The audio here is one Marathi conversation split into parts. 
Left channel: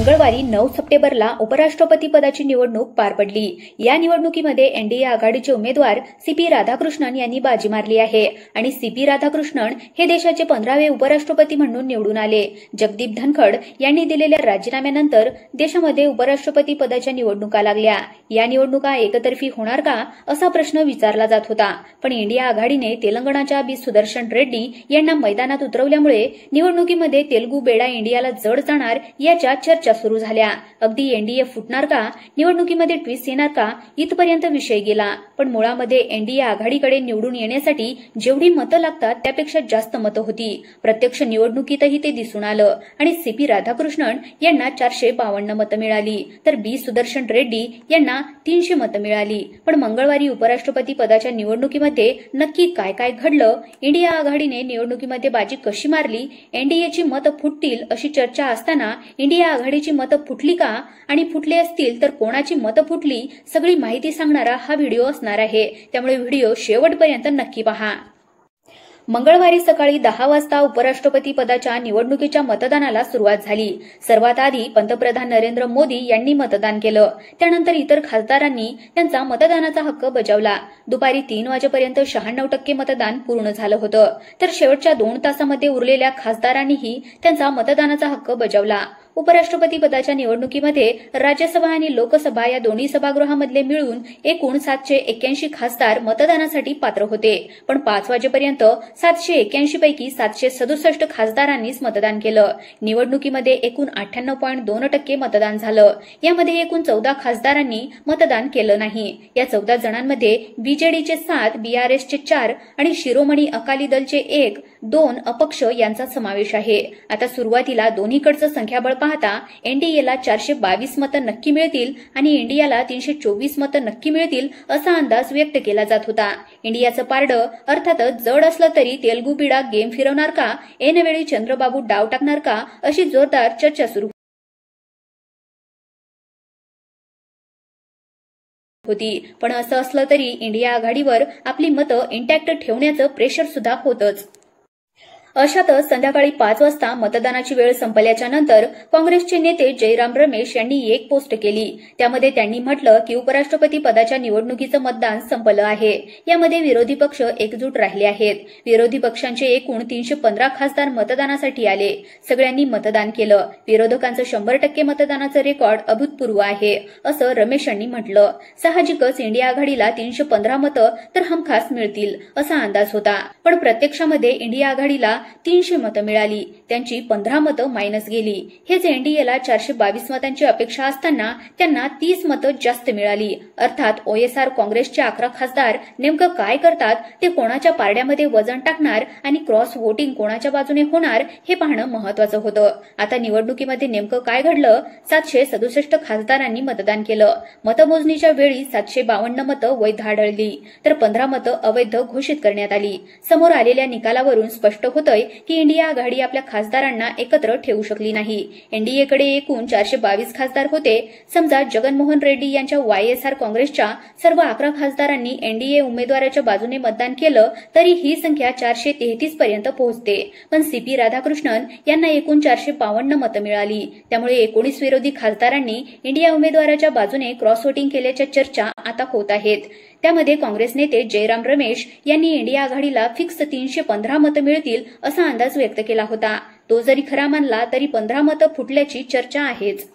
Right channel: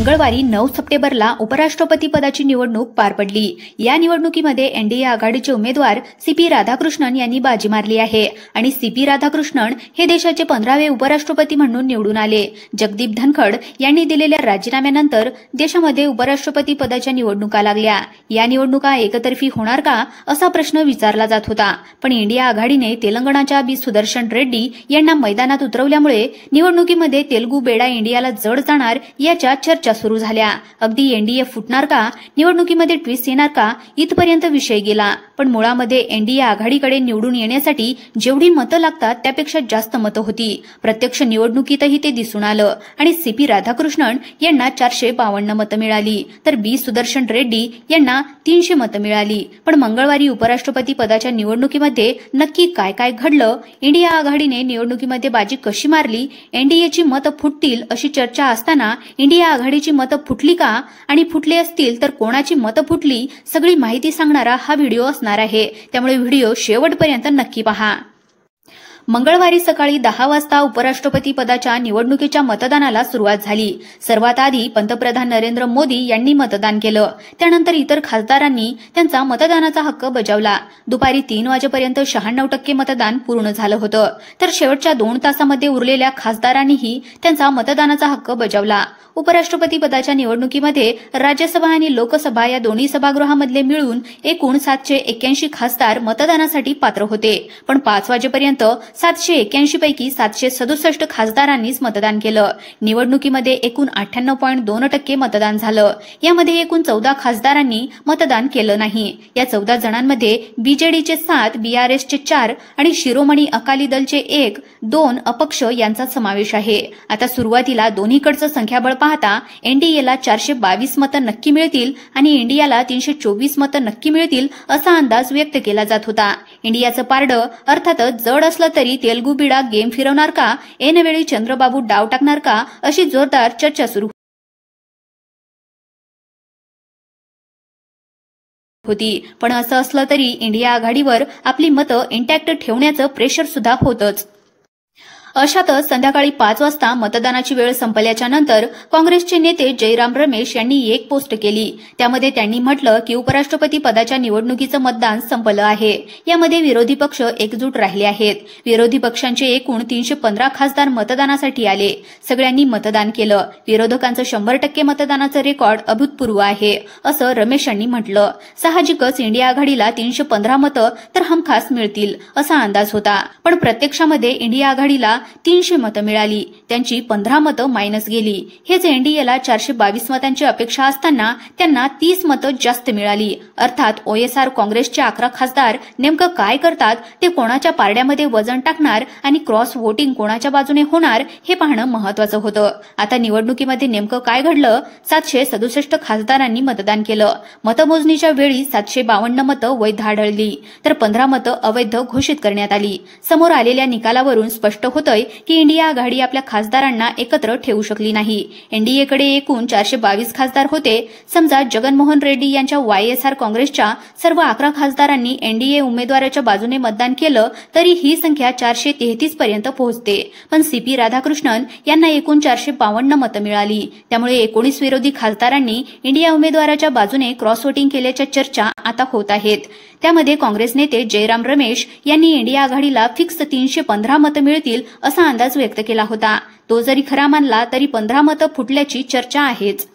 मंगळवारी 9 सप्टेंबरला उपराष्ट्रपती पदाची निवडणूक पार पडली। या निवडणुकीमध्ये एनडीए आघाडीचे उमेदवार सीपी राधाकृष्णन यांनी बाजी मारली आहे आणि सीपी राधाकृष्णन हे देशाचे 15वे उपराष्ट्रपती म्हणून निवडून आले। जगदीप धनखड यांनी दिलेल्या राजीनाम्यानंतर देशामध्ये उपराष्ट्रपती पदाच्या निवडणुका लागल्या। या निवडणुका एकतर्फी होणार का असा प्रश्न विचारला जात होता, पण इंडिया आघाडीने तेलंगणाच्या बी सुदर्शन रेड्डी यांना मैदानात उतरवल्यामुळे निवडणुकीमध्ये तेलुगू बेडा इंडियाला जड जाणार याच्या चर्चा सुरू झाल्या। अगदी एनडीए फुटणार का, निवडणुकीमध्ये ट्विस्ट येणार का इथपर्यंत विषय गेला, पण मुळामध्ये एनडीए आघाडीकडे निवडून येण्यासाठी जेवढी मतं लागतात त्यापेक्षा जास्त मतं होती। प्रत्यक्ष निवडणुकीतही ते दिसून आलं आणि सीपी राधाकृष्णन यांना 452 मतं मिळाली, तर बी सुदर्शन रेड्डी यांना 300 मतं मिळाली। पण मंगळवारी उपराष्ट्रपती पदाच्या निवडणुकीमध्ये नक्की काय काय घडलं, इंडिया आघाडीने निवडणुकीमध्ये बाजी कशी मारली, एनडीएची मतं फुटतील अशी चर्चा असताना इंडिया आघाडीची मतं फुटली का आणि फुटली असतील तर कोणाची मतं फुटली, सगळी माहिती सांगणारा हा व्हिडिओ असणार आहे, त्यामुळे व्हिडिओ शेवटपर्यंत नक्की पहा। मंगळवारी सकाळी 10 वाजता उपराष्ट्रपती पदाच्या निवडणुकीच्या मतदानाला सुरुवात झाली। सर्वात आधी पंतप्रधान नरेंद्र मोदी यांनी मतदान केलं, त्यानंतर इतर खासदारांनी त्यांचा मतदानाचा हक्क बजावला। दुपारी 3 वाजेपर्यंत 96% मतदान पूर्ण झालं होतं, तर शेवटच्या 2 तासामध्ये उरलेल्या खासदारांनीही त्यांचा मतदानाचा हक्क बजावला। उपराष्ट्रपती पदाच्या निवडणुकीमध्ये राज्यसभा आणि लोकसभा या दोन्ही सभागृहामधले मिळून एकूण 781 खासदार मतदानासाठी पात्र होते, पण 5 वाजेपर्यंत 781 पैकी 767 खासदारांनीच मतदान केलं। निवडणुकीमध्ये एकूण 98.2% मतदान झालं। यामध्ये एकूण 14 खासदारांनी मतदान केलं नाही। या 14 जणांमध्ये बीजेडीचे 7, बीआरएसचे 4 आणि शिरोमणी अकाली दलचे 1, 2 अपक्ष यांचा समावेश आहे। आता सुरुवातीला दोन्हीकडचं संख्याबळ पाहता एनडीएला 422 मतं नक्की मिळतील आणि इंडियाला 324 मतं नक्की मिळतील असा अंदाज व्यक्त केला जात होता। इंडियाचं पारडं अर्थातच जड असलं तरी तेलुगू बिडा गेम फिरवणार का, ऐनवेळी चंद्रबाबू डाव टाकणार का अशी जोरदार चर्चा सुरू होती। पण असं असलं तरी इंडिया आघाडीवर आपली मतं इंटॅक्ट ठेवण्याचं प्रेशर सुद्धा होतंच। अशातच संध्याकाळी 5 वाजता मतदानाची वेळ संपल्याच्या नंतर काँग्रेसचे नेते जयराम रमेश यांनी एक पोस्ट केली। त्यामध्ये त्यांनी म्हटलं की उपराष्ट्रपती पदाच्या निवडणुकीचं मतदान संपलं आहे। यामध्ये विरोधी पक्ष एकजूट राहिले आहेत। विरोधी पक्षांचे एकूण 315 खासदार मतदानासाठी आले। सगळ्यांनी मतदान केलं। विरोधकांचं 100% मतदानाचं रेकॉर्ड अभूतपूर्व आहे असं रमेश यांनी म्हटलं। साहजिकच इंडिया आघाडीला 315 मतं तर हमखास मिळतील असा अंदाज होता, पण प्रत्यक्षामध्ये इंडिया आघाडीला 300 मतं मिळाली, त्यांची 15 मतं मायनस गेली। हेच एनडीएला 422 मतांची अपेक्षा असताना त्यांना 30 मतं जास्त मिळाली। अर्थात ओएसआर काँग्रेसचे 11 खासदार नेमकं काय करतात, ते कोणाच्या पारड्यामध्ये वजन टाकणार आणि क्रॉस वोटिंग कोणाच्या बाजूने होणार हे पाहणं महत्त्वाचं होतं। आता निवडणुकीमध्ये नेमकं काय घडलं, 767 खासदारांनी मतदान केलं। मतमोजणीच्या वेळी 752 मतं वैध आढळली, तर 15 मतं अवैध घोषित करण्यात आली। समोर आलेल्या निकालावरून स्पष्ट होतं की इंडिया आघाडी आपल्या खासदारांना एकत्र ठेवू शकली नाही। एनडीएकडे एकूण 422 खासदार होते। समजा जगनमोहन रेड्डी यांच्या वायएसआर काँग्रेसच्या सर्व 11 खासदारांनी एनडीए उमेदवाराच्या बाजूने मतदान केलं तरी ही संख्या 433 पर्यंत पोहोचते, पण सीपी राधाकृष्णन यांना एकूण 452 मतं मिळाली। त्यामुळे 19 विरोधी खासदारांनी इंडिया उमेदवाराच्या बाजूने क्रॉस वोटिंग केल्याच्या चर्चा आता होत आहेत। त्यामध्ये काँग्रेस नेते जयराम रमेश यांनी इंडिया आघाडीला फिक्स 315 मतं मिळतील असा अंदाज व्यक्त केला होता। तो जरी खरा मानला तरी 15 मतं फुटल्याची चर्चा आहेच।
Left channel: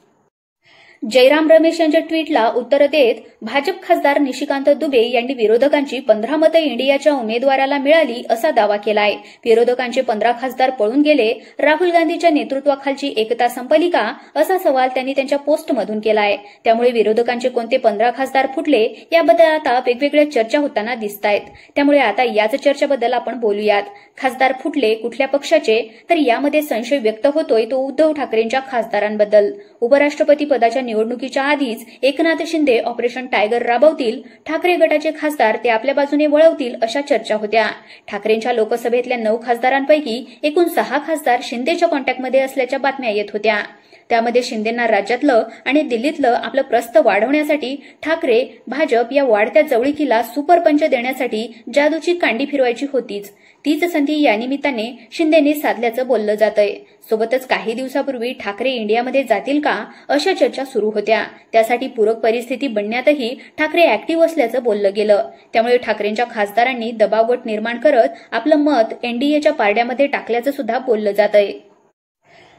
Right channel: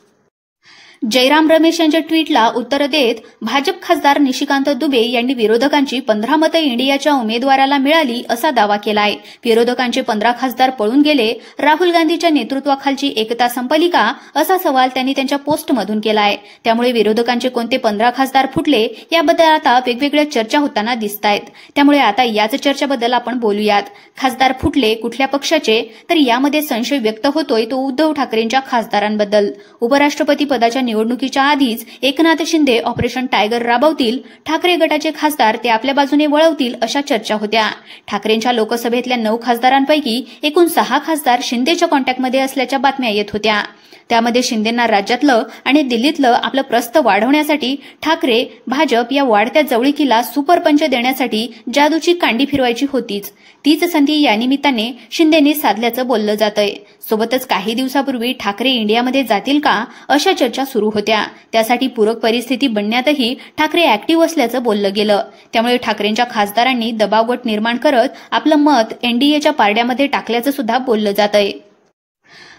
जयराम रमेश यांच्या ट्विटला उत्तर देत भाजप खासदार निशिकांत दुबे यांनी विरोधकांची 15 मतं इंडियाच्या उमेदवाराला मिळाली असा दावा केलाय। विरोधकांचे 15 खासदार पळून गेले, राहुल गांधीच्या नेतृत्वाखालची एकता संपली का असा सवाल त्यांनी त्यांच्या पोस्टमधून केलाय। त्यामुळे विरोधकांचे कोणते 15 खासदार फुटले याबद्दल आता वेगवेगळ्या चर्चा होताना दिसतायत। त्यामुळे आता याच चर्चेबद्दल आपण बोलूयात। खासदार फुटले कुठल्या पक्षाचे, तर यामध्ये संशय व्यक्त होतोय तो उद्धव ठाकरेंच्या खासदारांबद्दल। उपराष्ट्रपती पदाच्या निवडणुकीच्या आधीच एकनाथ शिंदे ऑपरेशन टायगर राबवतील, ठाकरे गटाचे खासदार ते आपल्या बाजूने वळवतील अशा चर्चा होत्या। ठाकरेंच्या लोकसभेतल्या 9 खासदारांपैकी एकूण 6 खासदार शिंदेच्या कॉन्टॅक्टमध्ये असल्याच्या बातम्या येत होत्या। त्यामध्ये शिंदेंना राज्यातलं आणि दिल्लीतलं आपलं प्रस्थ वाढवण्यासाठी ठाकरे भाजप या वाढत्या जवळीकीला सुपरपंच देण्यासाठी जादूची कांडी फिरवायची होतीच. तीच संधी या निमित्ताने शिंदेंनी साधल्याचं बोललं जातंय. सोबतच काही दिवसापूर्वी ठाकरे इंडियामध्ये जातील का अशा चर्चा सुरू होत्या. त्यासाठी पूरक परिस्थिती बनण्यातही ठाकरे ऍक्टिव्ह असल्याचं बोललं गेलं. त्यामुळे ठाकरेंच्या खासदारांनी दबावगट निर्माण करत आपलं मत एनडीएच्या पारड्यामध्ये टाकल्याचं सुद्धा बोललं जातंय.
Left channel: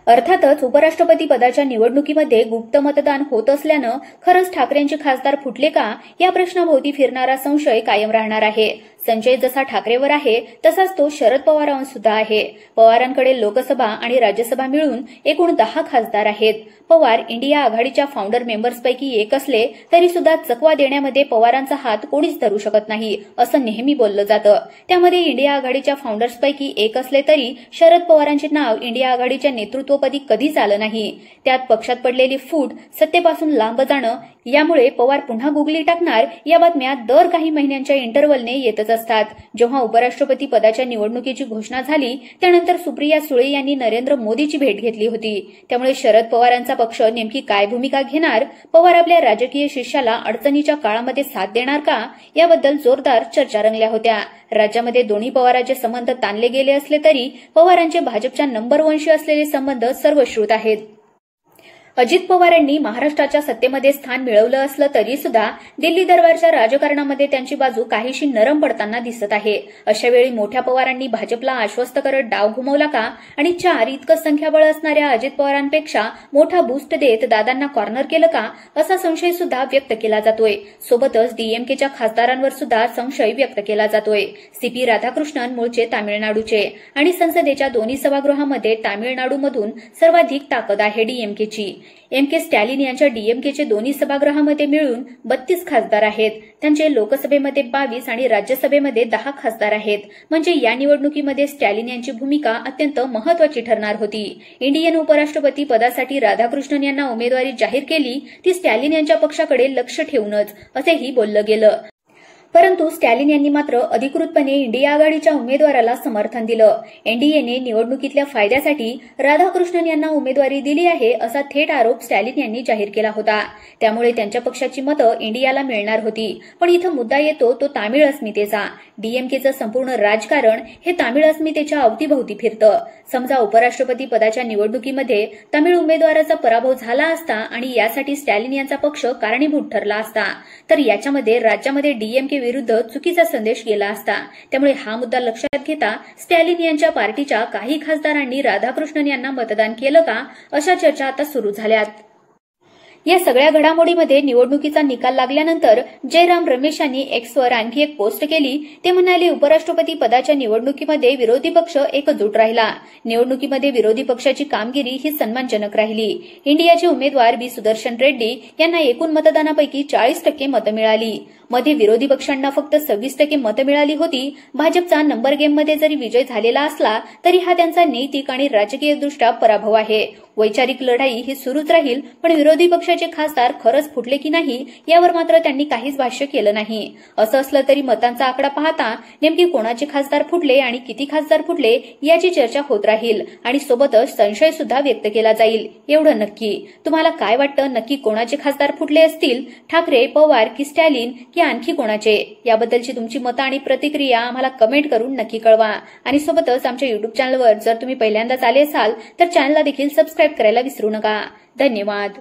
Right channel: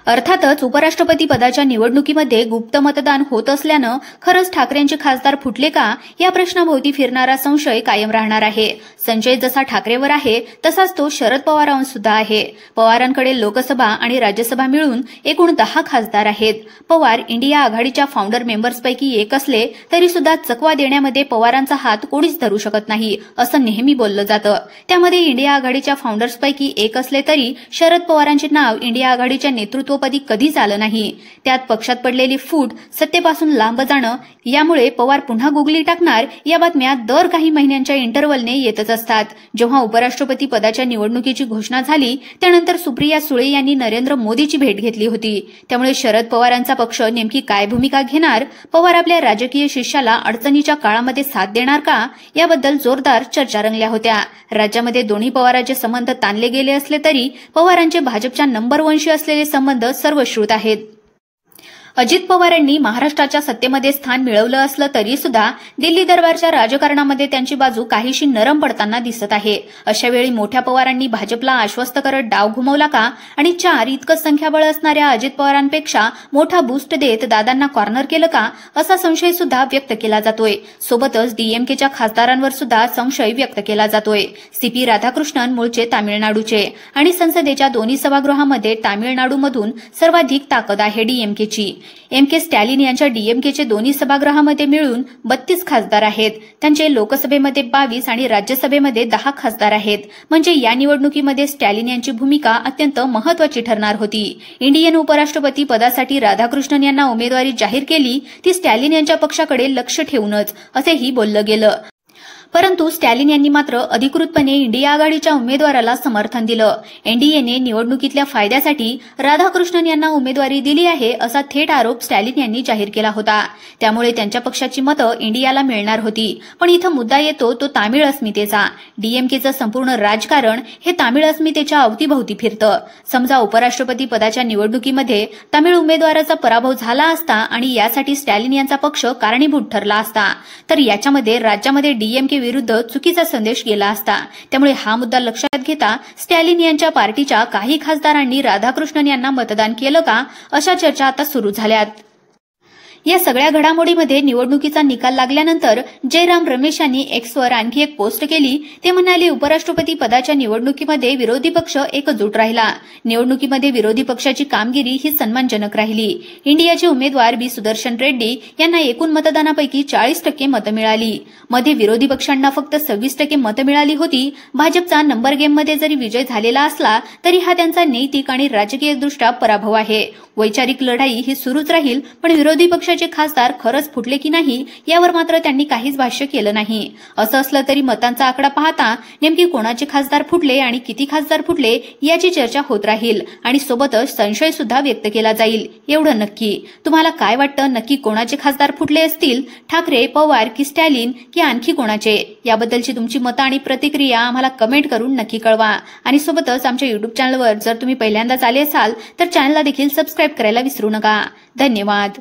अर्थातच उपराष्ट्रपती पदाच्या निवडणुकीमध्ये गुप्त मतदान होत असल्यानं खरंच ठाकरेंचे खासदार फुटले का या प्रश्नाभोवती फिरणारा संशय कायम राहणार आहे. संशय जसा ठाकरेवर आहे तसाच तो शरद पवारांवर सुद्धा आहे. पवारांकडे लोकसभा आणि राज्यसभा मिळून एकूण 10 खासदार आहेत. पवार इंडिया आघाडीच्या फाउंडर मेंबर्सपैकी एक असले तरी सुद्धा चकवा देण्यामध्ये पवारांचा हात कोणीच धरू शकत नाही असं नेहमी बोललं जातं. त्यामध्ये इंडिया आघाडीच्या फाउंडर्सपैकी एक असले तरी शरद पवारांचे नाव इंडिया आघाडीच्या नेतृत्वपदी कधीच आलं नाही. त्यात पक्षात पडलेली फूट सत्तेपासून लांब जाणं यामुळे पवार पुन्हा गुगली टाकणार या बातम्या दर काही महिन्यांच्या इंटरव्हलने येतच असतात. जेव्हा उपराष्ट्रपती पदाच्या निवडणुकीची घोषणा झाली त्यानंतर सुप्रिया सुळे यांनी नरेंद्र मोदीची भेट घेतली होती. त्यामुळे शरद पवारांचा पक्ष नेमकी काय भूमिका घेणार, पवार आपल्या राजकीय शिष्याला अडचणीच्या काळामध्ये साथ देणार का याबद्दल जोरदार चर्चा रंगल्या होत्या. राज्यामध्ये दोन्ही पवारांचे संबंध ताणले गेले असले तरी पवारांचे भाजपच्या नंबर 1शी असलेले संबंध सर्वश्रुत आहेत. अजित पवारांनी महाराष्ट्राच्या सत्तेमध्ये स्थान मिळवलं असलं तरी सुद्धा दिल्ली दरबारच्या राजकारणामध्ये त्यांची बाजू काहीशी नरम पडताना दिसत आहे. अशा वेळी मोठ्या पवारांनी भाजपला आश्वस्त करत डाव घुमवला का आणि 4 इतकं संख्याबळ असणाऱ्या अजित पवारांपेक्षा मोठा बूस्ट देत दादांना कॉर्नर केलं का असा संशय सुद्धा व्यक्त केला जातोय. सोबतच डीएमकेच्या खासदारांवर सुद्धा संशय व्यक्त केला जातोय. सीपी राधाकृष्णन मूळचे तामिळनाडूचे आणि संसदेच्या दोन्ही सभागृहामध्ये तामिळनाडूमधून सर्वाधिक ताकद आहे डीएमकेची. एम.के. स्टॅलिन यांच्या डीएमकेचे दोन्ही सभागृहामध्ये मिळून 32 खासदार आहेत. त्यांचे लोकसभेमध्ये 22 आणि राज्यसभेमध्ये 10 खासदार आहेत. म्हणजे या निवडणुकीमध्ये स्टॅलिन यांची भूमिका अत्यंत महत्वाची ठरणार होती. इंडियन उपराष्ट्रपती पदासाठी राधाकृष्णन यांना उमेदवारी जाहीर केली ती स्टॅलिन यांच्या पक्षाकडे लक्ष ठेवूनच असेही बोललं गेलं. परंतु स्टॅलिन यांनी मात्र अधिकृतपणे इंडिया आघाडीच्या उमेदवाराला समर्थन दिलं. एनडीएने निवडणुकीतल्या फायद्यासाठी राधाकृष्णन यांना उमेदवारी दिली आहे असा थेट आरोप स्टॅलिन यांनी जाहीर केला होता. त्यामुळे त्यांच्या पक्षाची मतं इंडियाला मिळणार होती. पण इथं मुद्दा येतो तो तामिळ अस्मितेचा. डीएमकेचं संपूर्ण राजकारण हे तामिळ अस्मितेच्या अवतीभोवती फिरतं. समजा उपराष्ट्रपती पदाच्या निवडणुकीमध्ये तामिळ उमेदवाराचा पराभव झाला असता आणि यासाठी स्टॅलिन यांचा पक्ष कारणीभूत ठरला असता तर याच्यामध्ये राज्यामध्ये डीएमके विरुद्ध चुकीचा संदेश गेला असता. त्यामुळे हा मुद्दा लक्षात घेता स्टॅलिन यांच्या पार्टीच्या काही खासदारांनी राधाकृष्णन यांना मतदान केलं का अशा चर्चा आता सुरू झाल्यात. या सगळ्या घडामोडीमध्ये निवडणुकीचा निकाल लागल्यानंतर जयराम रमेश यांनी एक्सवर आणखी एक पोस्ट केली. ते म्हणाले, उपराष्ट्रपती पदाच्या निवडणुकीमध्ये विरोधी पक्ष एकजूट राहिला. निवडणुकीमध्ये विरोधी पक्षाची कामगिरी ही सन्मानजनक राहिली. इंडियाचे उमेदवार बी सुदर्शन रेड्डी यांना एकूण मतदानापैकी 40% मतं मिळाली. मध्ये विरोधी पक्षांना फक्त 26% मतं मिळाली होती. भाजपचा नंबर गेममध्ये जरी विजय झालेला असला तरी हा त्यांचा नैतिक आणि राजकीयदृष्ट्या पराभव आहे. वैचारिक लढाई ही सुरूच राहील. पण विरोधी पक्षाचे खासदार खरंच फुटले की नाही यावर मात्र त्यांनी काहीच भाष्य केलं नाही. असं असलं तरी मतांचा आकडा पाहता नेमकी कोणाचे खासदार फुटले आणि किती खासदार फुटले याची चर्चा होत राहील आणि सोबतच संशय सुद्धा व्यक्त केला जाईल. एवढं नक्की. तुम्हाला काय वाटतं, नक्की कोणाचे खासदार फुटले असतील? ठाकरे, पवार की स्टॅलिन की आणखी कोणाचे? याबद्दलची तुमची मतं आणि प्रतिक्रिया आम्हाला कमेंट करून नक्की कळवा. आणि सोबतच आमच्या युट्यूब चॅनलवर जर तुम्ही पहिल्यांदाच आले असाल तर चॅनलला देखील सबस्क्राईब करायला विसरू नका. धन्यवाद.